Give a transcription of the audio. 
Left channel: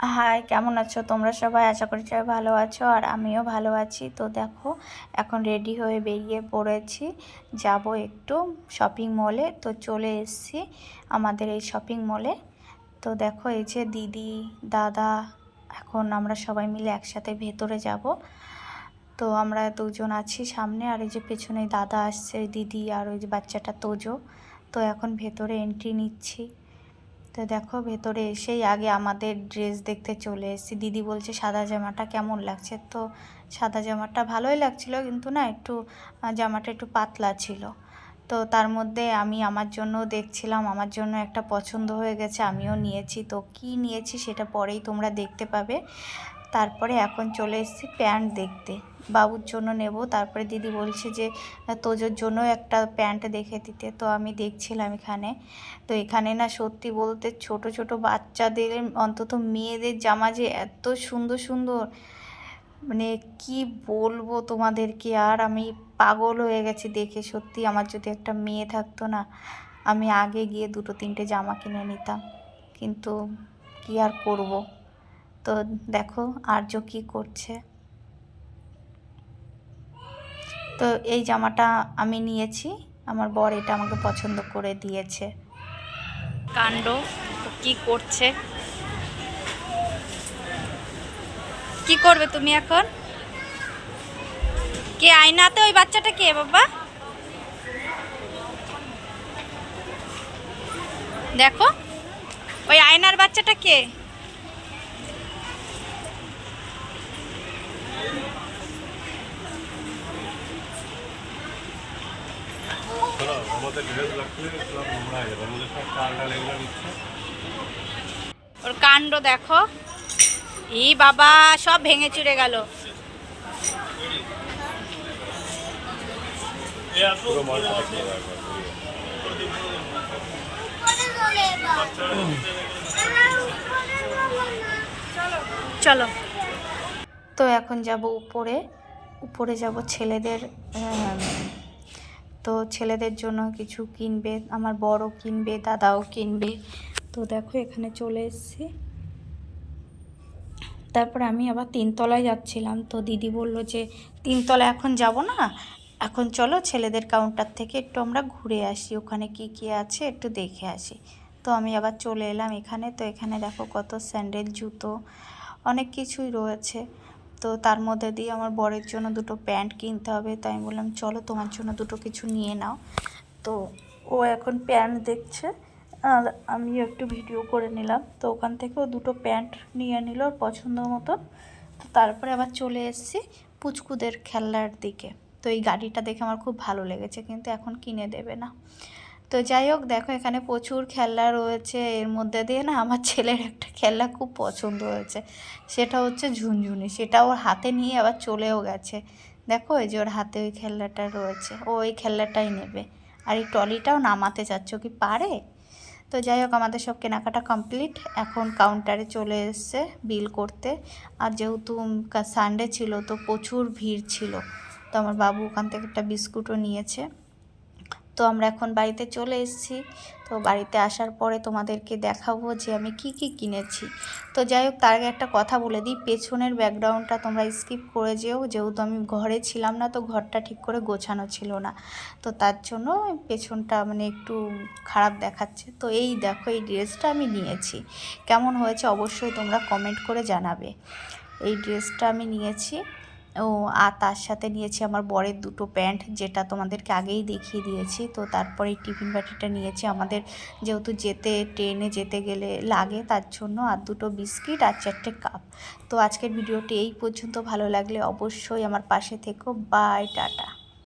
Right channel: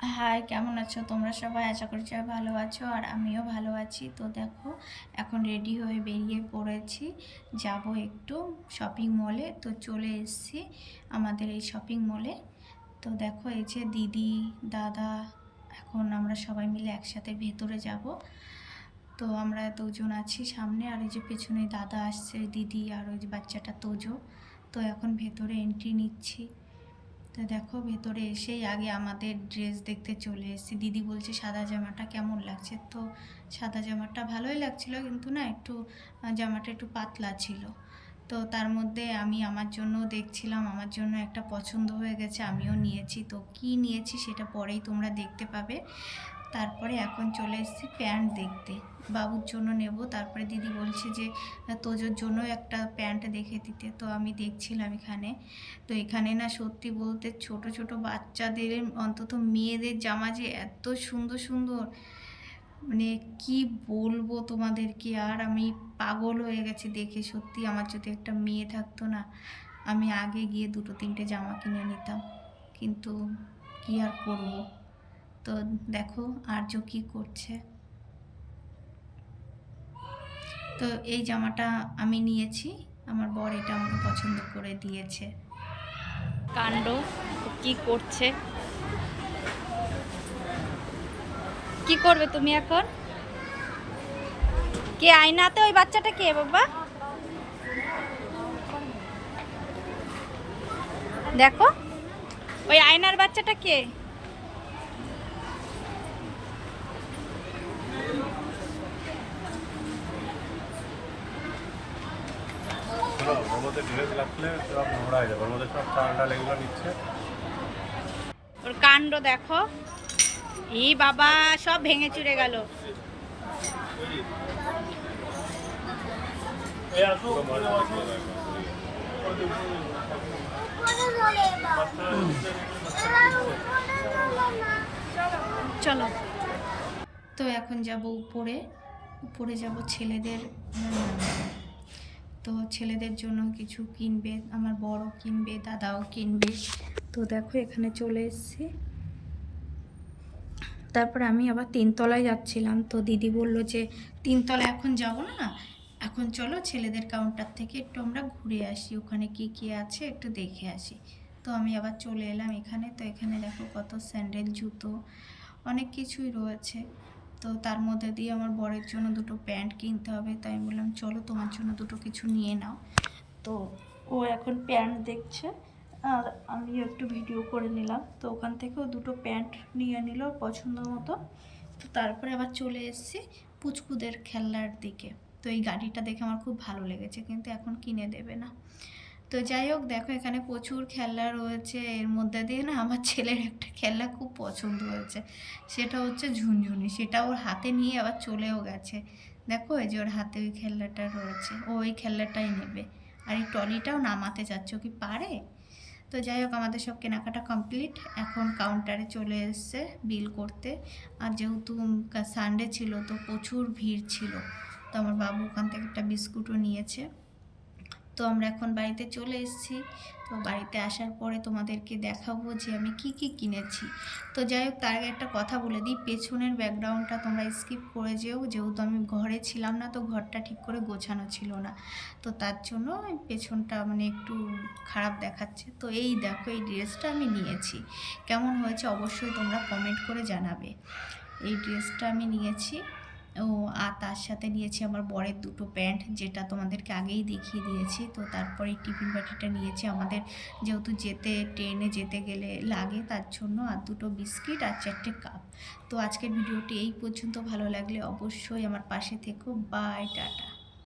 High, কেমন আছো তোমরা সবাই? আশা করি সবাই ভালো আছো আর আমিও ভালো আছি। তো দেখো, এখন রেডি হয়ে বেরিয়ে পড়েছি, যাব একটু শপিং মলে। তো চলে এসেছি আমাদের এই শপিং মলে। তো দেখো, এই যে দিদি, দাদা, এখন আমরা সবাই মিলে একসাথে ভেতরে যাব। তো আমরা দুজন আছি সামনে, আর এই যে পেছনে দাদা আসছে, দিদি আর ওই যে বাচ্চাটা তোজো। তো এখন ভেতরে এন্ট্রি নিচ্ছি। তো দেখো, ভেতরে এসেই আগে আমাদের ড্রেস দেখতে চলে এসেছি। দিদি বলছে সাদা জামাটা কেমন লাগছে। তো সাদা জামাটা ভালোই লাগছিল, কিন্তু না একটু জামাটা একটু পাতলা ছিল। তো তার মধ্যে আমি আমার জন্য দেখছিলাম, আমার জন্য একটা পছন্দ হয়ে গেছে, আমিও নিয়েছি। তো কি নিয়েছি সেটা পরেই তোমরা দেখতে পাবে। তারপরে এখন চলে এসেছি প্যান্ট দেখতে, বাবুর জন্য নেব। তারপরে দিদি বলছে যে তোজোর জন্য একটা প্যান্ট দেখে দিতে। তো আমি দেখছিলাম এখানে। তো এখানে না সত্যি বলতে ছোট ছোট বাচ্চাদের, অন্তত মেয়েদের জামা যে এত সুন্দর সুন্দর, মানে কি বলবো তোমাদেরকে। আর আমি পাগল হয়ে গেছি দেখে। সত্যি আমার যদি একটা মেয়ে থাকতো না, আমি আগে গিয়ে দুটো তিনটে জামা কিনে নিতাম, কিন্তু কি আর করব। তো দেখো আর্য কি করছে। তো এই জামাটা আমি নিয়েছি, আমার বর এটা আমাকে পছন্দ করে দিয়েছে। কাণ্ড, তো কি করছে, কি করবে তুমি এখন? কে আয়নাতে? ওই বাচ্চাটা কে বাবা? দেখো, ওই আয়নার বাচ্চাটা কে? ওর কাণ্ড দেখো। ই বাবা, সব ভেঙে চুরে গেল। চলো। তো এখন যাব উপরে, উপরে যাব ছেলেদের। তো ছেলেদের জন্য কিছু কিনবে, আমার বড়ও কিনবে, দাদাও কিনবে। তো দেখো এখানে চলে এসেছি। তারপর আমি আবার তিনতলায় যাচ্ছিলাম। তো দিদি বলল যে তিনতলায় এখন যাব না, এখন চলো ছেলেদের কাউন্টার থেকে একটু আমরা ঘুরে আসি, ওখানে কি কি আছে একটু দেখে আসি। তো আমি আবার চলে এলাম এখানে। তো এখানে দেখো কত স্যান্ডেল, জুতো, অনেক কিছুই রয়েছে। তো তার মধ্যে দিয়ে আমার বরের জন্য দুটো প্যান্ট কিনতে হবে। তাই আমি বললাম চলো তোমার জন্য দুটো কিছু নিয়ে নাও। তো ও এখন প্যান্ট দেখছে আর আমিও একটু ভিডিও করে নিলাম। তো ওখান থেকেও দুটো প্যান্ট নিয়ে নিল ওর পছন্দ মতো। তো তারপরে আবার চলে এসেছি পুচকুদের খেলনার দিকে। তো এই গাড়িটা দেখে আমার খুব ভালো লেগেছে, কিন্তু এখন কিনে দেবে না। তো যাই হোক, দেখো এখানে প্রচুর খেলনা রয়েছে। এর মধ্যে দিয়ে না আমার ছেলের একটা খেলনা খুব পছন্দ হয়েছে, সেটা হচ্ছে ঝুনঝুনি। সেটা ওর হাতে নিয়ে আবার চলেও গেছে। দেখো এই যে ওর হাতে ওই খেলনাটা রয়েছে, ও ওই খেলনাটাই নেবে। আর এই ট্রলিটাও নামাতে চাচ্ছ, কি পারে? তো যাই হোক, আমাদের সব কেনাকাটা কমপ্লিট। এখন কাউন্টারে চলে এসছে বিল করতে। আর যেহেতু সানডে ছিল, তো প্রচুর ভিড় ছিল। তো আমার বাবু ওখান থেকে একটা বিস্কুটও নিয়েছে। তো আমরা এখন বাড়িতে চলে এসেছি। তো বাড়িতে আসার পরে তোমাদেরকে দেখাবো যে আমি কি কি কিনেছি। তো যাই হোক, তার আগে একটা কথা বলে দিই, পেছনের ব্যাকগ্রাউন্ডটা তোমরা স্কিপ করে যেও, যেহেতু আমি ঘরে ছিলাম না, তো ঘরটা ঠিক করে গোছানো ছিল না। তো তার জন্য পেছনটা মানে একটু খারাপ দেখাচ্ছে। তো এই দেখো, এই ড্রেসটা আমি নিয়েছি, কেমন হয়েছে অবশ্যই তোমরা কমেন্ট করে জানাবে। এই ড্রেসটা আমি নিয়েছি। ও আর তার সাথে নিয়েছি আমার বরের দুটো প্যান্ট, যেটা তোমাদেরকে আগেই দেখিয়ে দিয়েছি। তো তারপরে এই টিফিন বাটিটা নিয়েছি, আমাদের যেহেতু ট্রেনে যেতে গেলে লাগে তার জন্য। আর দুটো বিস্কিট আর 4টে কাপ। তো আজকের ভিডিওটি এই পর্যন্ত। ভালো লাগলে অবশ্যই আমার পাশে থেকো। Bye, tata.